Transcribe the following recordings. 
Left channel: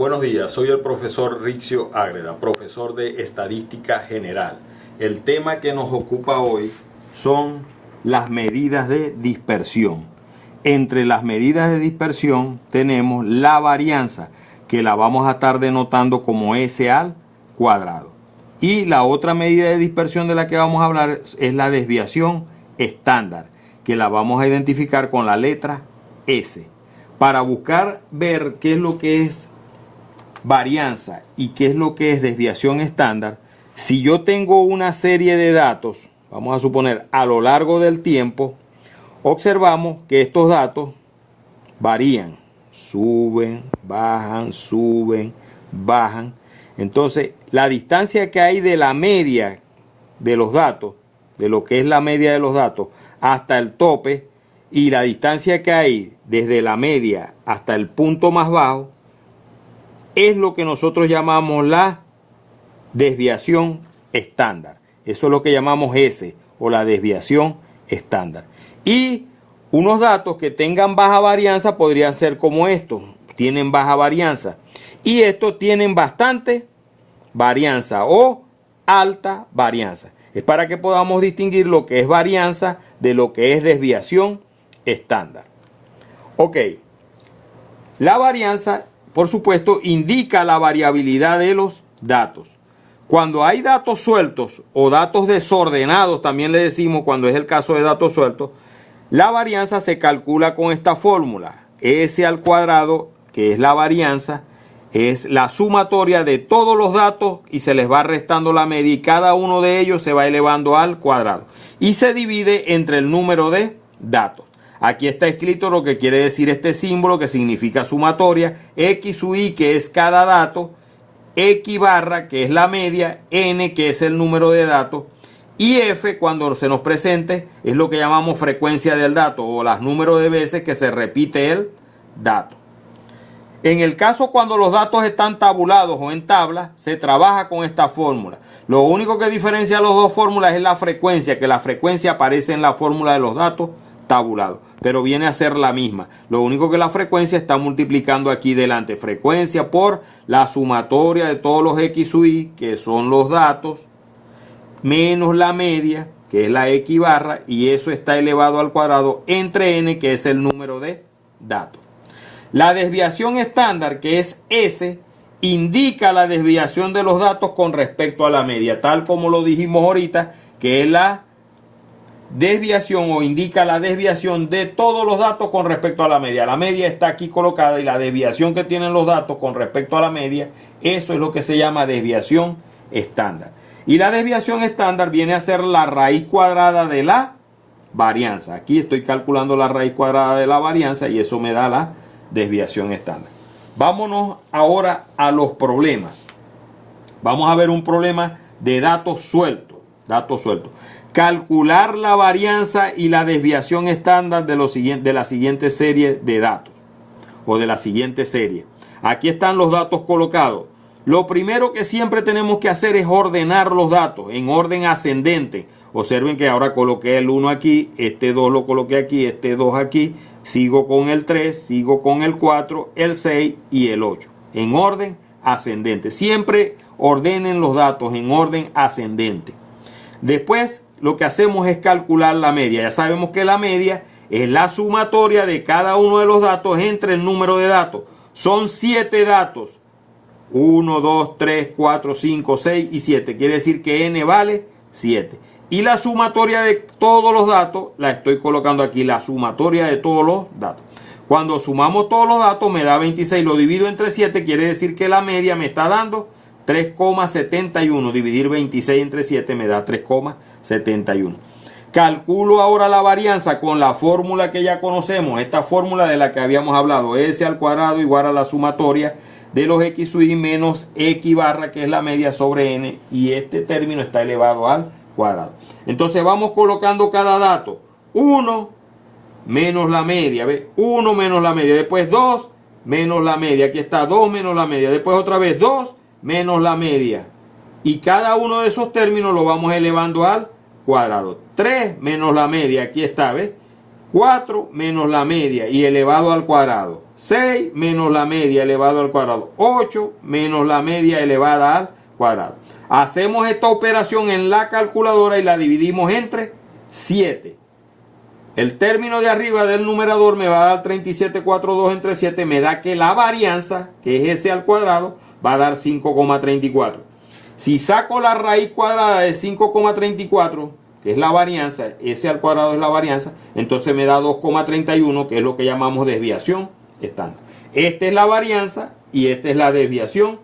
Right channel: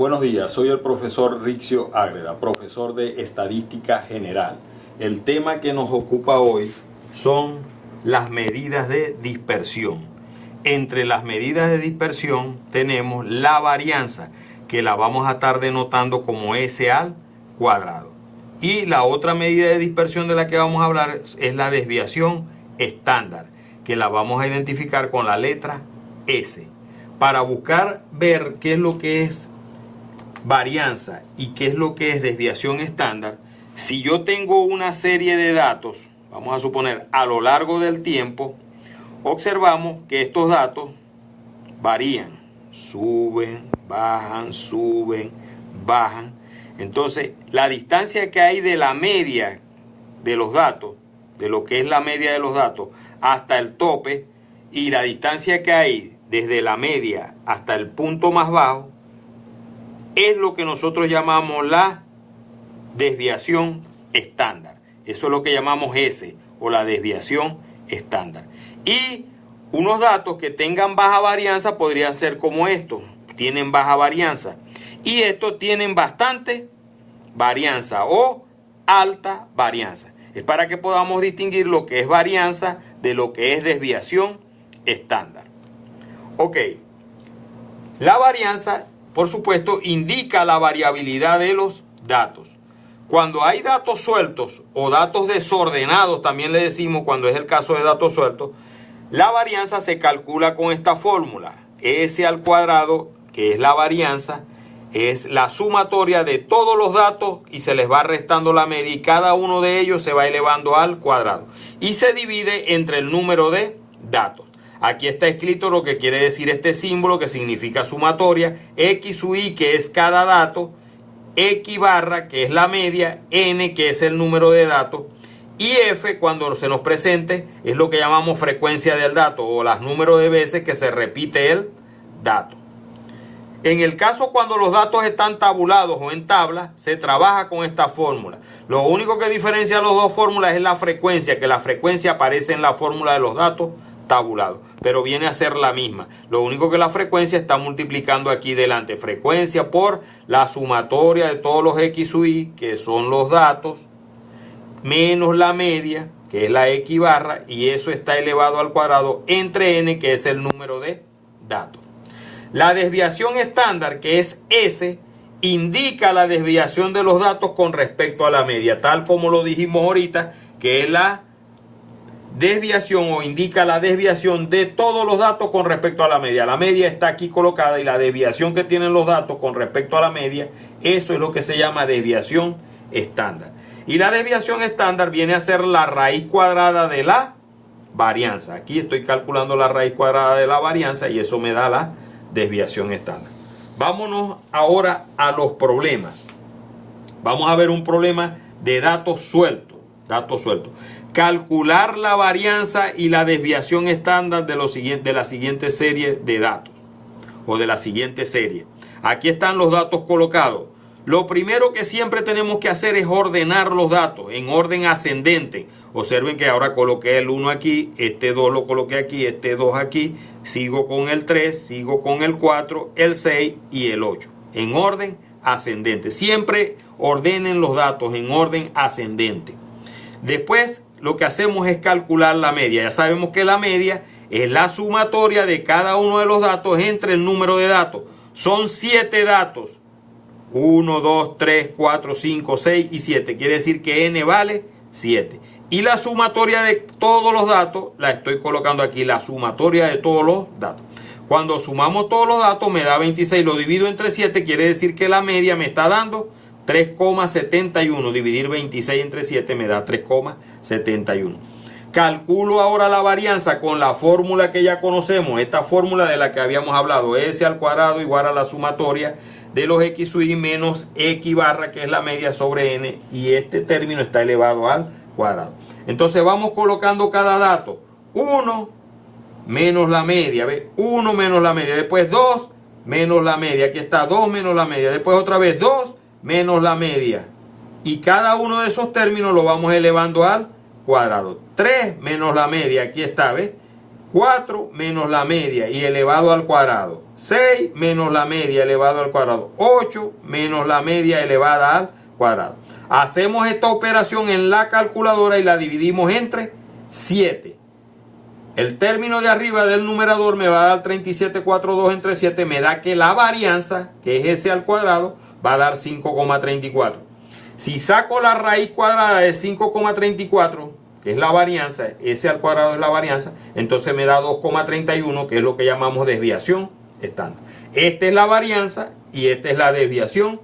Buenos días, soy el profesor Rixio Ágreda, profesor de Estadística General. El tema que nos ocupa hoy son las medidas de dispersión. Entre las medidas de dispersión tenemos la varianza, que la vamos a estar denotando como S al cuadrado. Y la otra medida de dispersión de la que vamos a hablar es la desviación estándar, que la vamos a identificar con la letra S. Para buscar ver qué es lo que es varianza y qué es lo que es desviación estándar, si yo tengo una serie de datos, vamos a suponer a lo largo del tiempo, observamos que estos datos varían, suben, bajan. Entonces, la distancia que hay de la media de los datos, de lo que es la media de los datos, hasta el tope, y la distancia que hay desde la media hasta el punto más bajo, es lo que nosotros llamamos la desviación estándar. Eso es lo que llamamos S, o la desviación estándar. Y unos datos que tengan baja varianza podrían ser como estos. Tienen baja varianza. Y estos tienen bastante varianza o alta varianza. Es para que podamos distinguir lo que es varianza de lo que es desviación estándar. Ok. La varianza, por supuesto, indica la variabilidad de los datos. Cuando hay datos sueltos o datos desordenados, también le decimos cuando es el caso de datos sueltos, la varianza se calcula con esta fórmula. S al cuadrado, que es la varianza, es la sumatoria de todos los datos y se les va restando la media y cada uno de ellos se va elevando al cuadrado. Y se divide entre el número de datos. Aquí está escrito lo que quiere decir este símbolo, que significa sumatoria, X sub I, que es cada dato, X barra, que es la media, N, que es el número de datos, y F, cuando se nos presente, es lo que llamamos frecuencia del dato, o los números de veces que se repite el dato. En el caso cuando los datos están tabulados o en tabla, se trabaja con esta fórmula. Lo único que diferencia las dos fórmulas es la frecuencia, que la frecuencia aparece en la fórmula de los datos tabulados, pero viene a ser la misma. Lo único que la frecuencia está multiplicando aquí delante. Frecuencia por la sumatoria de todos los X sub I, que son los datos, menos la media, que es la X barra, y eso está elevado al cuadrado entre N, que es el número de datos. La desviación estándar, que es S, indica la desviación de los datos con respecto a la media, tal como lo dijimos ahorita, que es la desviación o indica la desviación de todos los datos con respecto a la media. La media está aquí colocada y la desviación que tienen los datos con respecto a la media, eso es lo que se llama desviación estándar. Y la desviación estándar viene a ser la raíz cuadrada de la varianza. Aquí estoy calculando la raíz cuadrada de la varianza y eso me da la desviación estándar. Vámonos ahora a los problemas. Vamos a ver un problema de datos sueltos. Calcular la varianza y la desviación estándar de la siguiente serie de datos o de la siguiente serie. Aquí están los datos colocados. Lo primero que siempre tenemos que hacer es ordenar los datos en orden ascendente. Observen que ahora coloqué el 1 aquí, este 2 lo coloqué aquí, este 2 aquí, sigo con el 3, sigo con el 4, el 6 y el 8. En orden ascendente. Siempre ordenen los datos en orden ascendente. Después lo que hacemos es calcular la media. Ya sabemos que la media es la sumatoria de cada uno de los datos entre el número de datos. Son 7 datos. 1, 2, 3, 4, 5, 6 y 7. Quiere decir que n vale 7. Y la sumatoria de todos los datos, la estoy colocando aquí, la sumatoria de todos los datos. Cuando sumamos todos los datos me da 26. Lo divido entre 7, quiere decir que la media me está dando 3,71. Dividir 26 entre 7 me da 3,71. Calculo ahora la varianza con la fórmula que ya conocemos. Esta fórmula de la que habíamos hablado. S al cuadrado igual a la sumatoria de los X sub I menos X barra, que es la media, sobre N. Y este término está elevado al cuadrado. Entonces vamos colocando cada dato. 1 menos la media. ¿Ve? 1 menos la media. Después 2 menos la media. Aquí está 2 menos la media. Después otra vez 2 menos la media. Y cada uno de esos términos lo vamos elevando al cuadrado. 3 menos la media. Aquí está, ¿ves? 4 menos la media y elevado al cuadrado. 6 menos la media elevado al cuadrado. 8 menos la media elevada al cuadrado. Hacemos esta operación en la calculadora y la dividimos entre 7. El término de arriba del numerador me va a dar 37,42 entre 7. Me da que la varianza, que es s al cuadrado, va a dar 5,34. Si saco la raíz cuadrada de 5,34, que es la varianza, s al cuadrado es la varianza, entonces me da 2,31, que es lo que llamamos desviación estándar. Esta es la varianza y esta es la desviación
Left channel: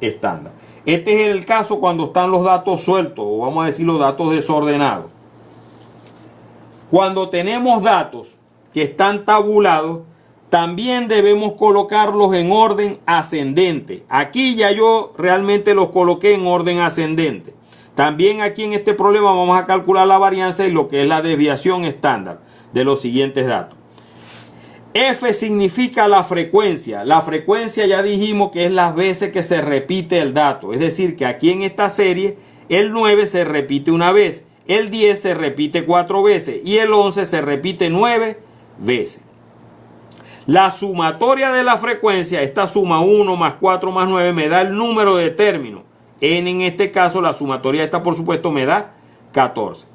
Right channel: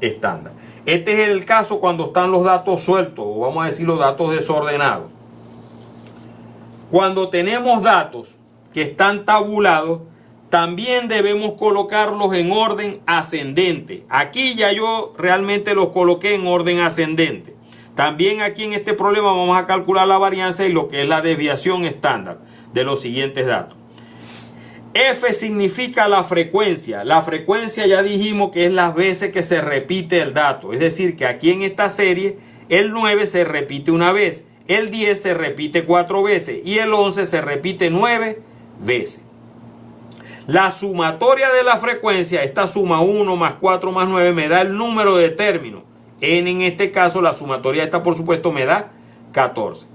estándar. Este es el caso cuando están los datos sueltos, o vamos a decir los datos desordenados. Cuando tenemos datos que están tabulados, también debemos colocarlos en orden ascendente. Aquí ya yo realmente los coloqué en orden ascendente. También aquí en este problema vamos a calcular la varianza y lo que es la desviación estándar de los siguientes datos. F significa la frecuencia. La frecuencia ya dijimos que es las veces que se repite el dato. Es decir, que aquí en esta serie el 9 se repite una vez, el 10 se repite 4 veces y el 11 se repite 9 veces. La sumatoria de la frecuencia, esta suma 1 más 4 más 9 me da el número de términos. En este caso la sumatoria esta por supuesto me da 14.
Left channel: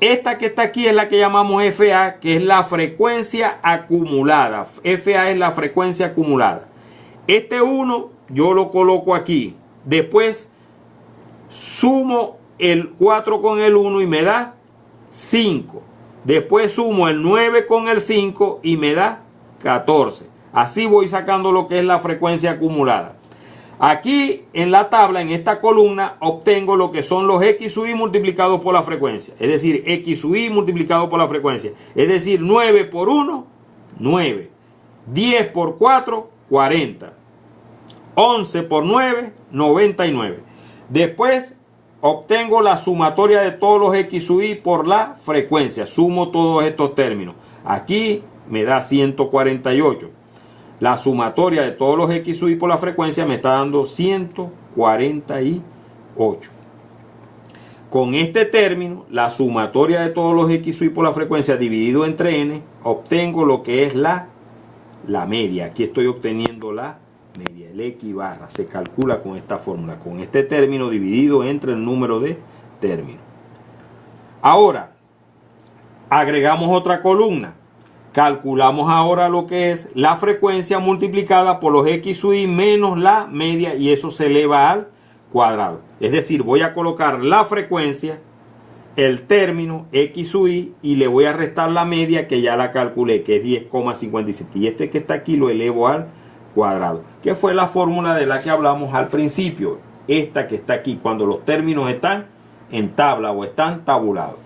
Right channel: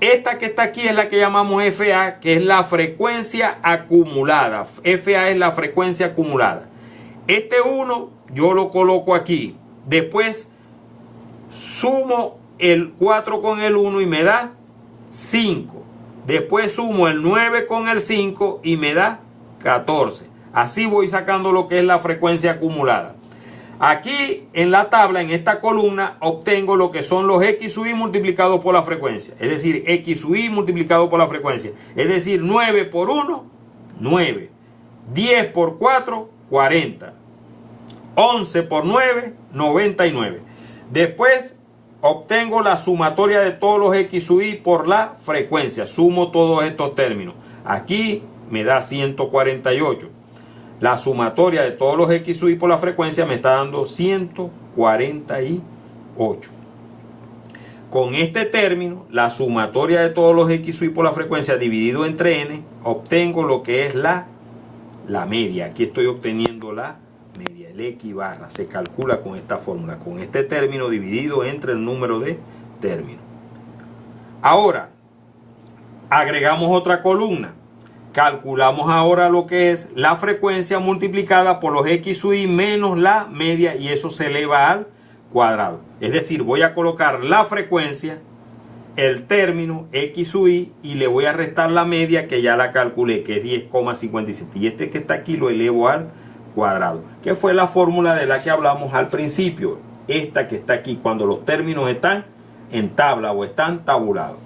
Esta que está aquí es la que llamamos FA, que es la frecuencia acumulada. FA es la frecuencia acumulada. Este 1 yo lo coloco aquí. Después sumo el 4 con el 1 y me da 5. Después sumo el 9 con el 5 y me da 14. Así voy sacando lo que es la frecuencia acumulada. Aquí en la tabla, en esta columna, obtengo lo que son los X sub I multiplicados por la frecuencia. Es decir, X sub I multiplicado por la frecuencia. Es decir, 9 por 1, 9. 10 por 4, 40. 11 por 9, 99. Después obtengo la sumatoria de todos los X sub I por la frecuencia. Sumo todos estos términos. Aquí me da 148. La sumatoria de todos los X sub I por la frecuencia me está dando 148. Con este término, la sumatoria de todos los X sub I por la frecuencia dividido entre n, obtengo lo que es la media. Aquí estoy obteniendo la media, el X barra. Se calcula con esta fórmula, con este término dividido entre el número de términos. Ahora, agregamos otra columna. Calculamos ahora lo que es la frecuencia multiplicada por los X sub I menos la media y eso se eleva al cuadrado. Es decir, voy a colocar la frecuencia, el término X sub I y le voy a restar la media que ya la calculé, que es 10,57. Y este que está aquí lo elevo al cuadrado, que fue la fórmula de la que hablamos al principio. Esta que está aquí, cuando los términos están en tabla o están tabulados.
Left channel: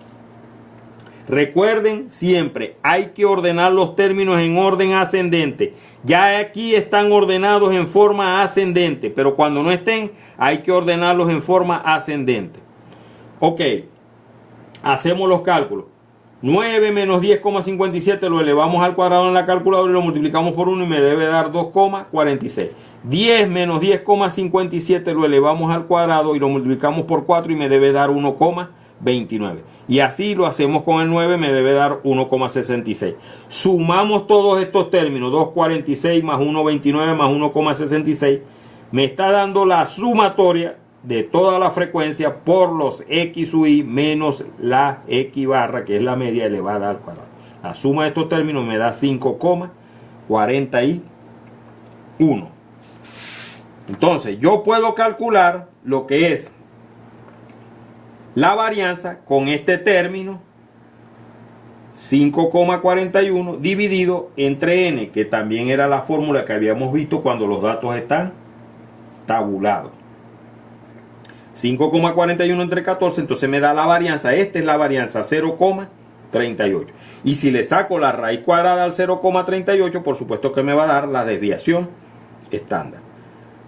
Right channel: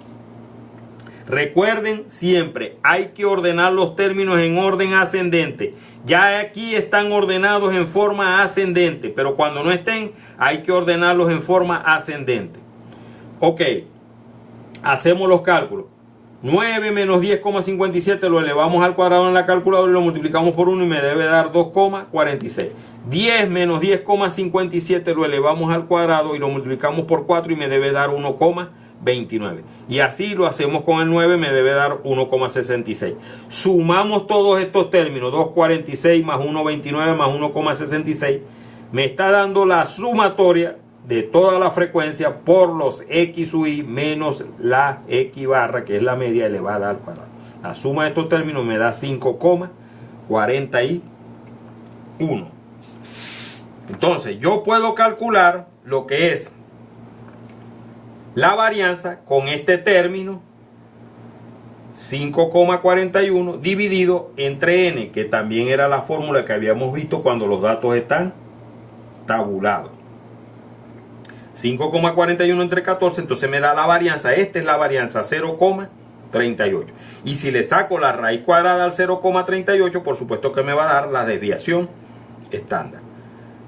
Recuerden siempre, hay que ordenar los términos en orden ascendente. Ya aquí están ordenados en forma ascendente, pero cuando no estén, hay que ordenarlos en forma ascendente. Ok, hacemos los cálculos. 9 menos 10,57 lo elevamos al cuadrado en la calculadora y lo multiplicamos por 1 y me debe dar 2,46. 10 menos 10,57 lo elevamos al cuadrado y lo multiplicamos por 4 y me debe dar 1,29. Y así lo hacemos con el 9, me debe dar 1,66. Sumamos todos estos términos, 2,46 más 1,29 más 1,66. Me está dando la sumatoria de toda la frecuencia por los X sub I menos la X barra, que es la media elevada al cuadrado. La suma de estos términos me da 5,41. Entonces, yo puedo calcular lo que es la varianza con este término 5,41 dividido entre n, que también era la fórmula que habíamos visto cuando los datos están tabulados. 5,41 entre 14, entonces me da la varianza. Esta es la varianza, 0,38. Y si le saco la raíz cuadrada al 0,38, por supuesto que me va a dar la desviación estándar.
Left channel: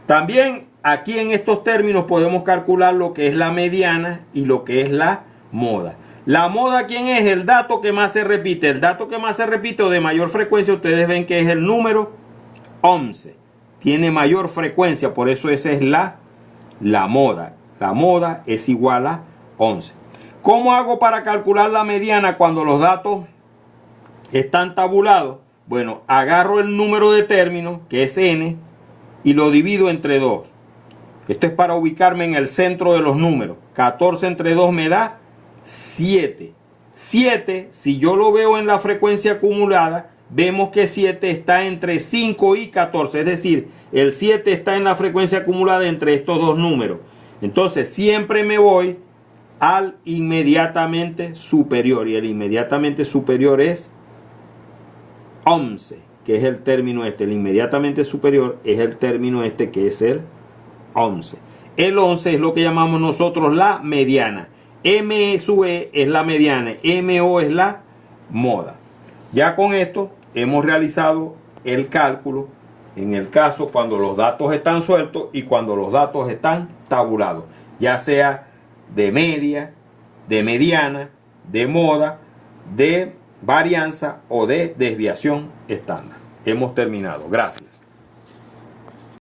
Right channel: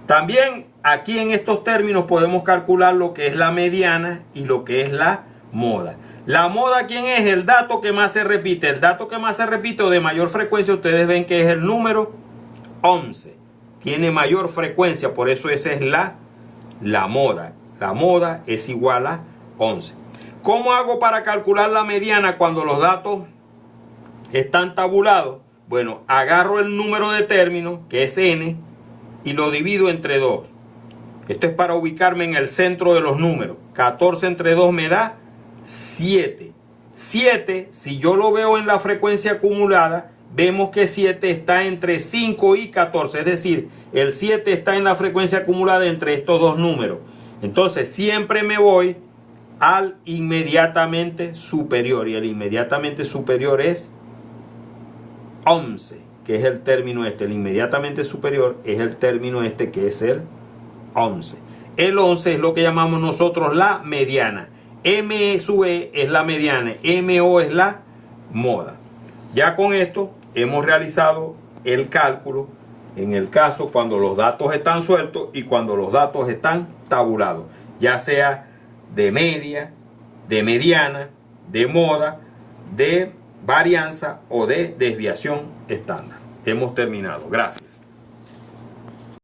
También aquí en estos términos podemos calcular lo que es la mediana y lo que es la moda. La moda, ¿quién es? El dato que más se repite. El dato que más se repite o de mayor frecuencia, ustedes ven que es el número 11. Tiene mayor frecuencia, por eso esa es la moda. La moda es igual a 11. ¿Cómo hago para calcular la mediana cuando los datos están tabulados, bueno, agarro el número de términos, que es n, y lo divido entre 2. Esto es para ubicarme en el centro de los números. 14 entre 2 me da 7. 7, si yo lo veo en la frecuencia acumulada, vemos que 7 está entre 5 y 14. Es decir, el 7 está en la frecuencia acumulada entre estos dos números. Entonces, siempre me voy al inmediatamente superior. Y el inmediatamente superior es 11, que es el término este. El inmediatamente superior es el término este, que es el 11. El 11 es lo que llamamos nosotros la mediana. M sub E es la mediana, MO es la moda. Ya con esto hemos realizado el cálculo en el caso cuando los datos están sueltos y cuando los datos están tabulados, ya sea de media, de mediana, de moda, de varianza o de desviación estándar. Hemos terminado. Gracias.